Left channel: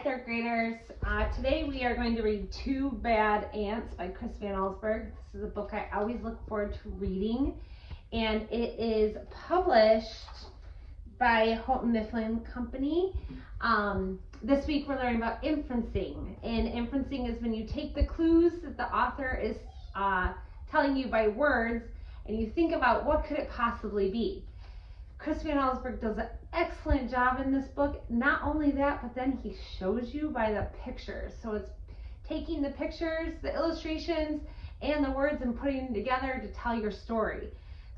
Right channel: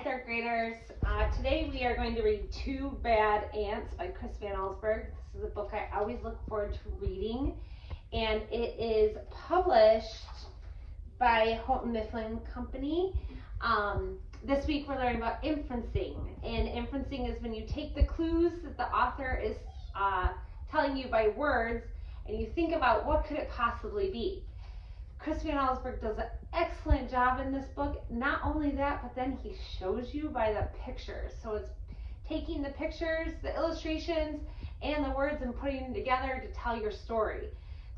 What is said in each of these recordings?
Hi, third graders. Today we are going to read Two Bad Ants by Chris Van Allsburg. This is a book I always look forward to reading, and it is published by Houghton Mifflin Company. This week we're learning about inferencing, and inferencing is when you take the clues that the author is telling you by words, and you think about what could it possibly be. Chris Van Allsburg does an excellent job in this book. Not only that, but then he shows you by the pictures. So it's taking the pictures, the illustrations, and the words and putting them together to tell your story.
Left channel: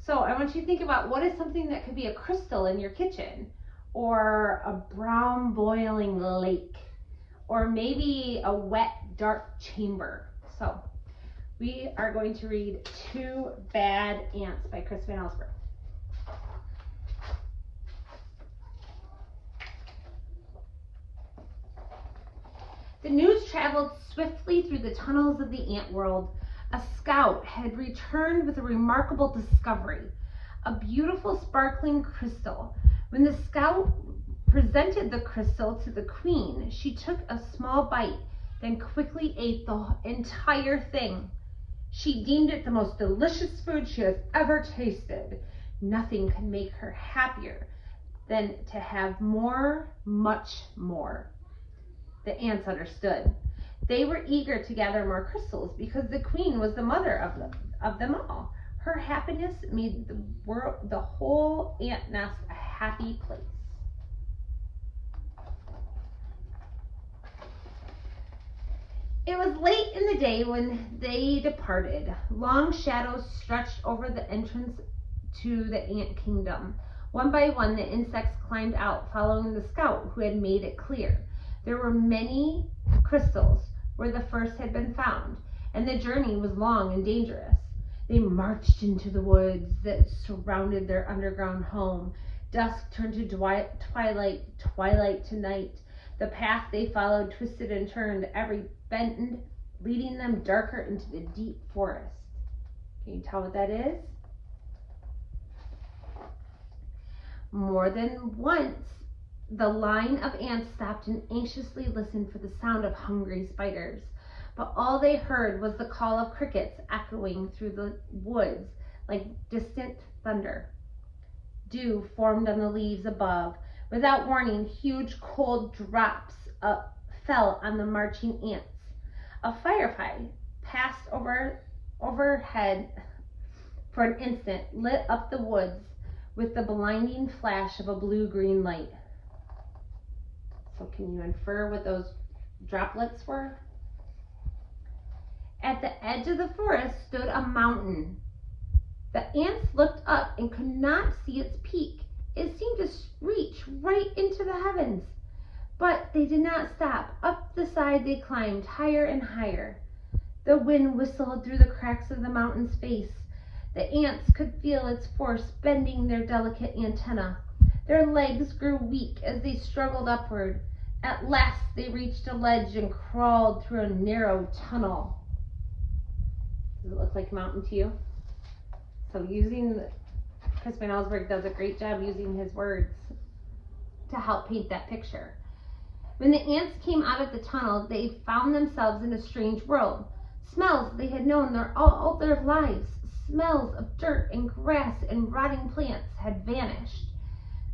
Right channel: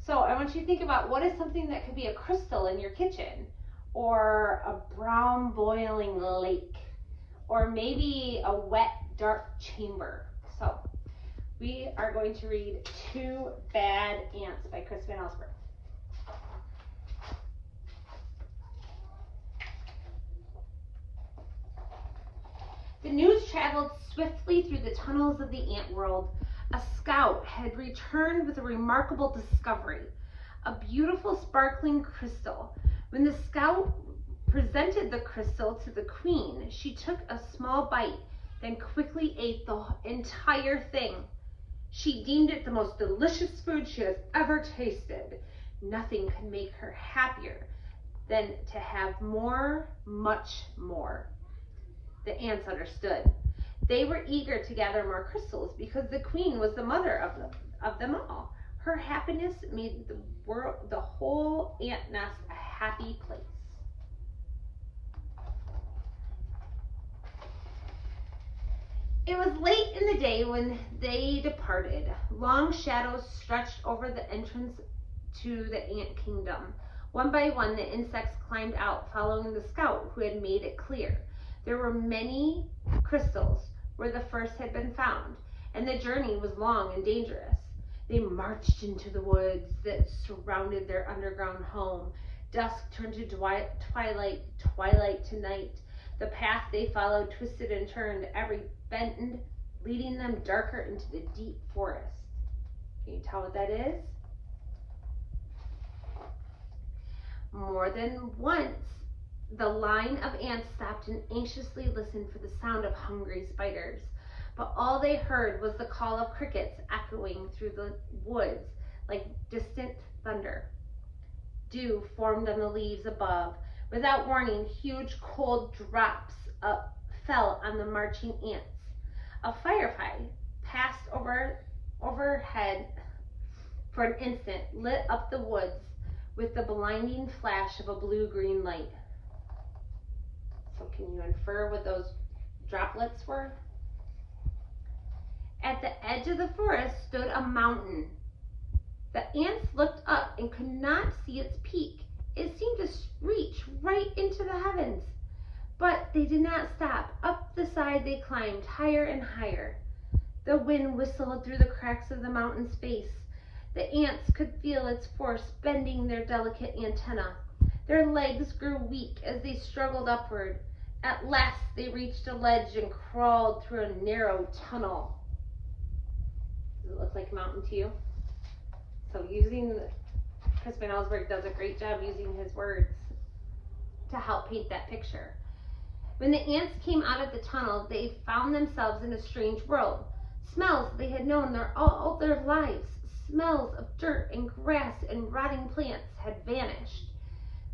So I want you to think about what is something that could be a crystal in your kitchen, or a brown boiling lake, or maybe a wet dark chamber. So we are going to read Two Bad Ants by Chris Van Allsburg. The news traveled swiftly through the tunnels of the ant world. A scout had returned with a remarkable discovery, a beautiful sparkling crystal. When the scout presented the crystal to the queen, she took a small bite, then quickly ate the entire thing. She deemed it the most delicious food she has ever tasted. Nothing could make her happier than to have more, much more. The ants understood. They were eager to gather more crystals because the queen was the mother of them all. Her happiness made the whole ant nest a happy place. It was late in the day when they departed. Long shadows stretched over the entrance to the ant kingdom. One by one, the insects climbed out, following the scout who had made it clear. There were many crystals where the first had been found, and the journey was long and dangerous. They marched into the woods that surrounded their underground home. Dusk turned to twilight, twilight to night. The path they followed twisted and turned, every bend leading them darker into the deep forest. Can you tell what that is? More than once, the line of ants stopped and anxiously listened for the sound of hungry spiders. But all they heard was the call of crickets echoing through the woods like distant thunder. Dew formed on the leaves above. Without warning, huge cold drops fell on the marching ants. A firefly passed overhead for an instant, lit up the woods with the blinding flash of a blue-green light. So can you infer what those droplets were? At the edge of the forest stood a mountain. The ants looked up and could not see its peak. It seemed to reach right into the heavens. But they did not stop. Up the side they climbed, higher and higher. The wind whistled through the cracks of the mountain's base. The ants could feel its force bending their delicate antennae. Their legs grew weak as they struggled upward. At last they reached a ledge and crawled through a narrow tunnel. Does it look like a mountain to you? So Chris Van Allsburg does a great job using his words to help paint that picture. When the ants came out of the tunnel, they found themselves in a strange world. Smells they had known all their lives, smells of dirt and grass and rotting plants, had vanished.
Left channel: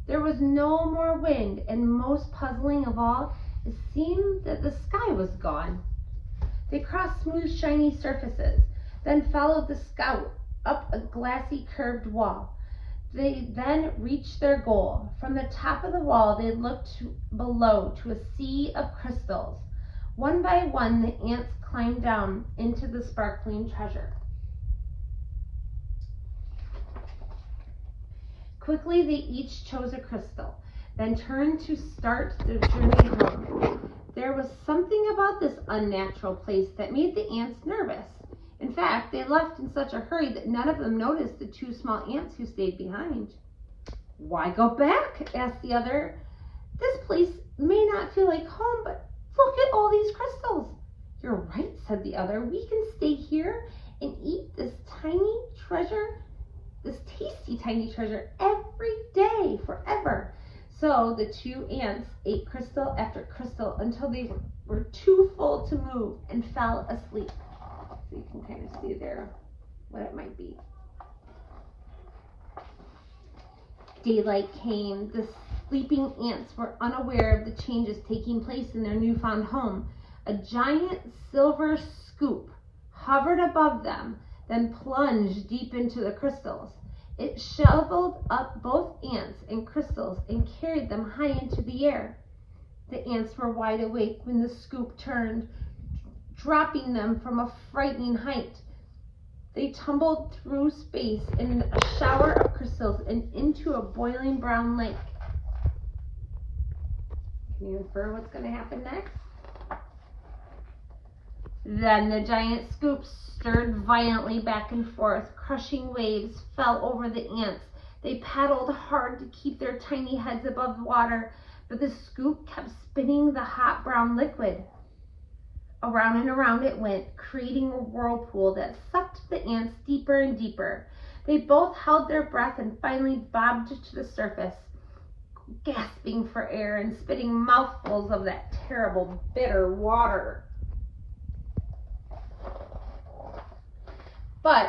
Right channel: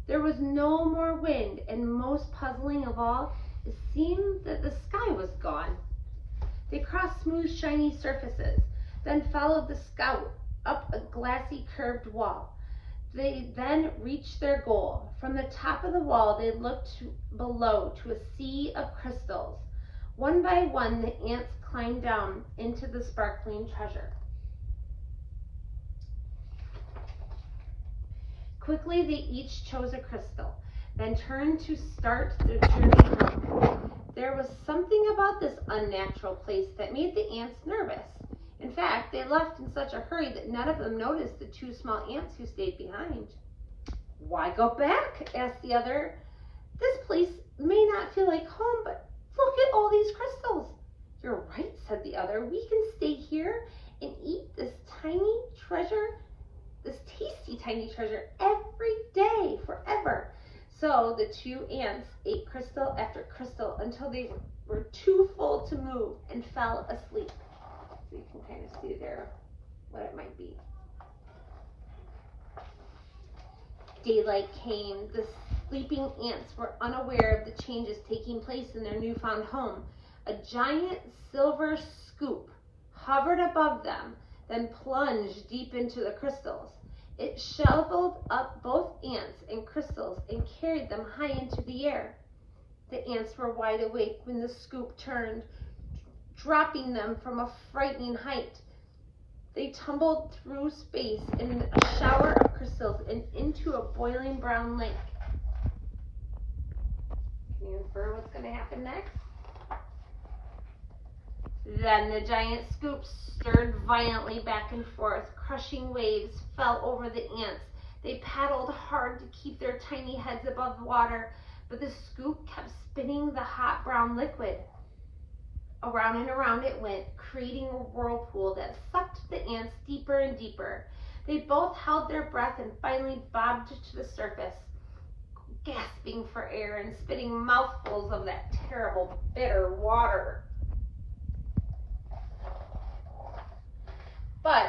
There was no more wind, and most puzzling of all, it seemed that the sky was gone. They crossed smooth, shiny surfaces, then followed the scout up a glassy, curved wall. They then reached their goal. From the top of the wall, they looked below to a sea of crystals. One by one, the ants climbed down into the sparkling treasure. Quickly, they each chose a crystal, then turned to start their journey. There was something about this unnatural place that made the ants nervous. In fact, they left in such a hurry that none of them noticed the two small ants who stayed behind. "Why go back?" asked the other. "This place may not feel like home, but look at all these crystals." "You're right," said the other. "We can stay here and eat this tasty tiny treasure every day forever." So the two ants ate crystal after crystal crystal until they were too full to move and fell asleep. So you can kind of see there what it might be. Daylight came. The sleeping ants were unaware of the changes taking place in their newfound home. A giant silver scoop hovered above them, then plunged deep into the crystals. It shoveled up both ants and crystals and carried them high into the air. The ants were wide awake when the scoop turned, dropping them from a frightening height. They tumbled through space in a shower of crystals and into a boiling brown lake. Can you infer what's going to happen next? Then the giant scoop stirred violently back and forth. Crushing waves fell over the ants. They paddled hard to keep their tiny heads above water, but the scoop kept spinning the hot brown liquid. Around and around it went, creating a whirlpool that sucked the ants deeper and deeper. They both held their breath and finally bobbed to the surface, gasping for air and spitting mouthfuls of that terrible, bitter water. But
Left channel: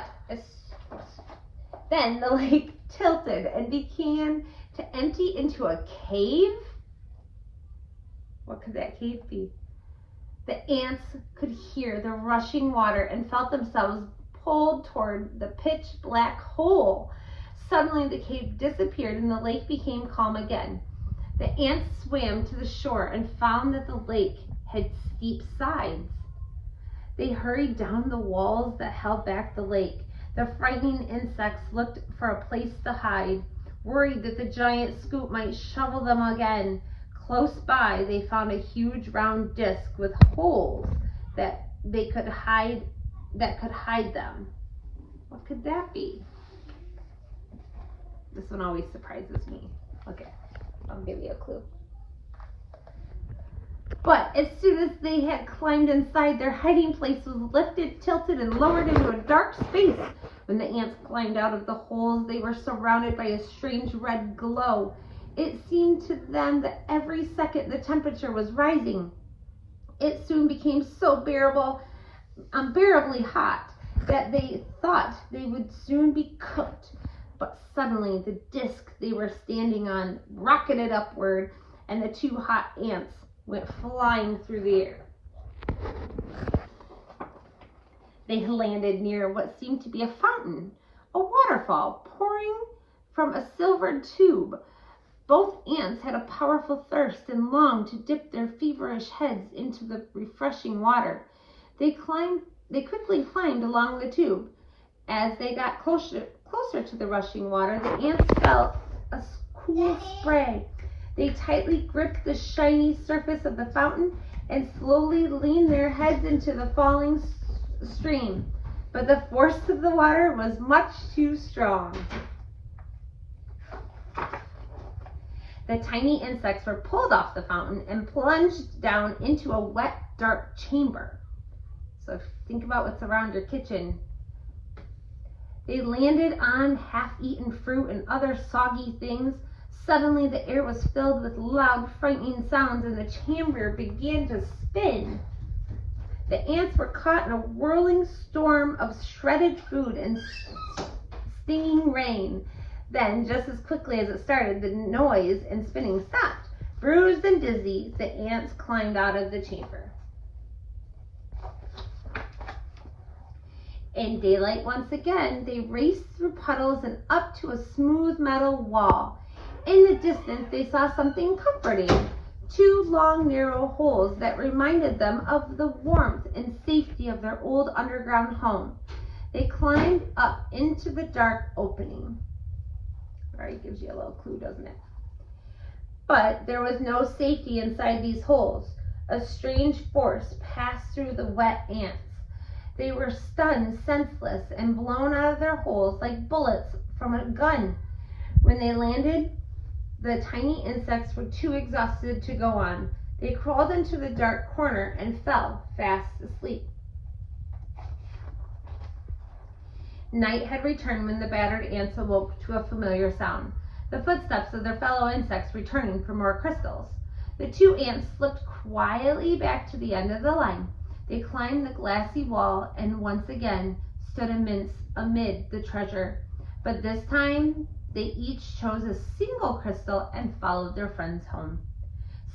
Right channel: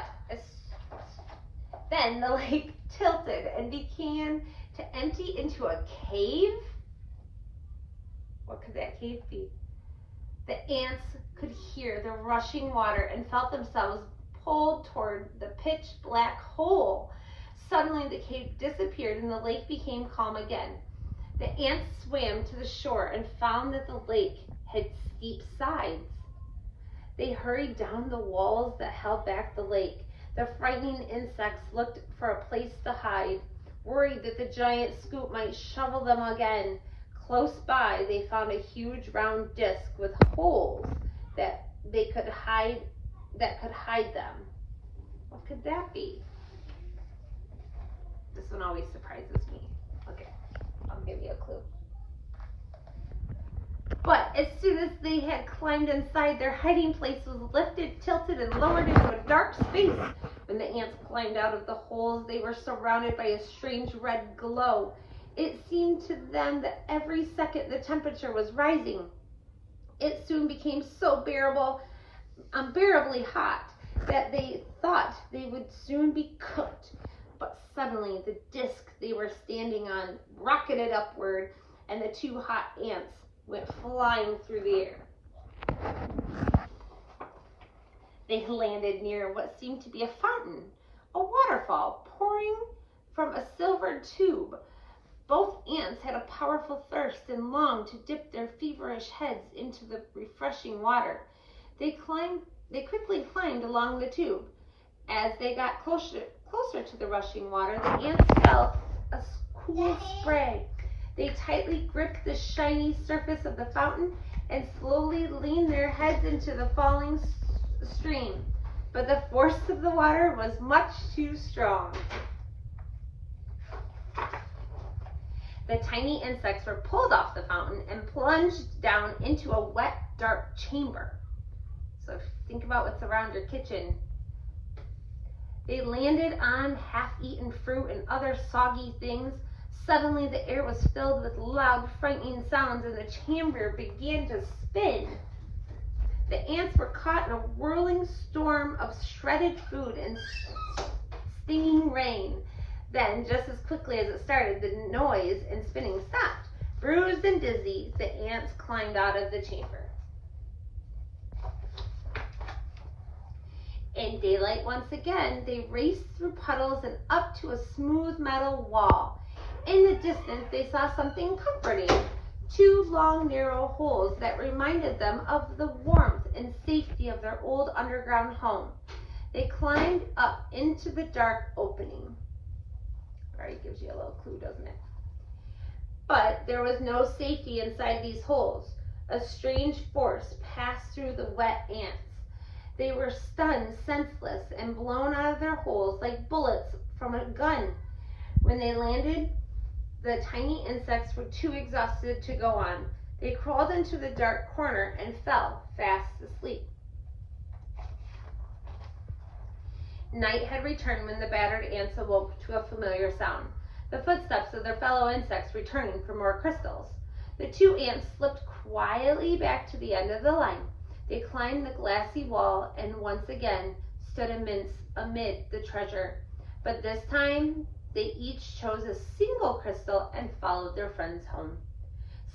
then the lake tilted and began to empty into a cave. What could that cave be? The ants could hear the rushing water and felt themselves pulled toward the pitch black hole. Suddenly the cave disappeared and the lake became calm again. The ants swam to the shore and found that the lake had steep sides. They hurried down the walls that held back the lake. The frightening insects looked for a place to hide, worried that the giant scoop might shovel them again. Close by, they found a huge round disc with holes that could hide them. What could that be? This one always surprises me. Okay, I'll give you a clue. But as soon as they had climbed inside, their hiding place was lifted, tilted, and lowered into a dark space. When the ants climbed out of the holes, they were surrounded by a strange red glow. It seemed to them that every second the temperature was rising. It soon became so unbearably hot that they thought they would soon be cooked. But suddenly the disc they were standing on rocketed upward, and the two hot ants went flying through the air. They landed near what seemed to be a fountain, a waterfall pouring from a silver tube. Both ants had a powerful thirst and longed to dip their feverish heads into the refreshing water. They quickly climbed along the tube. As they got closer to the rushing water, the ants felt a cool spray. They tightly gripped the shiny surface of the fountain and slowly leaned their heads into the falling stream. But the force of the water was much too strong. The tiny insects were pulled off the fountain and plunged down into a wet, dark chamber. So think about what's around your kitchen. They landed on half-eaten fruit and other soggy things. Suddenly the air was filled with loud, frightening sounds, and the chamber began to spin. The ants were caught in a whirling storm of shredded food and stinging rain. Then, just as quickly as it started, the noise and spinning stopped. Bruised and dizzy, the ants climbed out of the chamber. In daylight once again, they raced through puddles and up to a smooth metal wall. In the distance, they saw something comforting. Two long, narrow holes that reminded them of the warmth and safety of their old underground home. They climbed up into the dark opening. Alright, gives you a little clue, doesn't it? But there was no safety inside these holes. A strange force passed through the wet ants. They were stunned, senseless, and blown out of their holes like bullets from a gun. When they landed, the tiny insects were too exhausted to go on. They crawled into the dark corner and fell fast asleep. Night had returned when the battered ants awoke to a familiar sound, the footsteps of their fellow insects returning for more crystals. The two ants slipped quietly back to the end of the line. They climbed the glassy wall and once again stood amid the treasure. But this time, they each chose a single crystal and followed their friends home.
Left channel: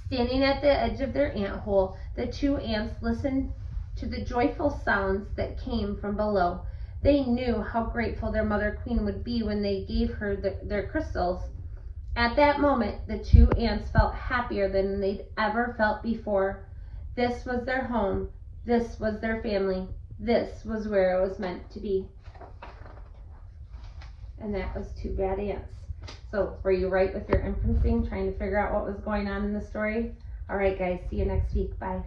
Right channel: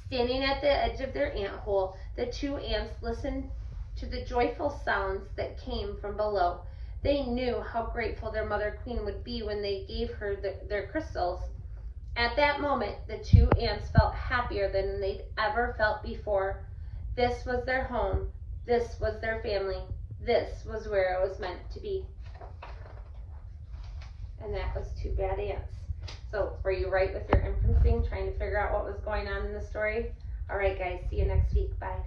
Standing at the edge of their ant hole, the two ants listened to the joyful sounds that came from below. They knew how grateful their mother queen would be when they gave her their crystals. At that moment, the two ants felt happier than they'd ever felt before. This was their home. This was their family. This was where it was meant to be. And that was Two Bad Ants. So were you right with your inferencing, trying to figure out what was going on in the story? All right, guys, see you next week. Bye.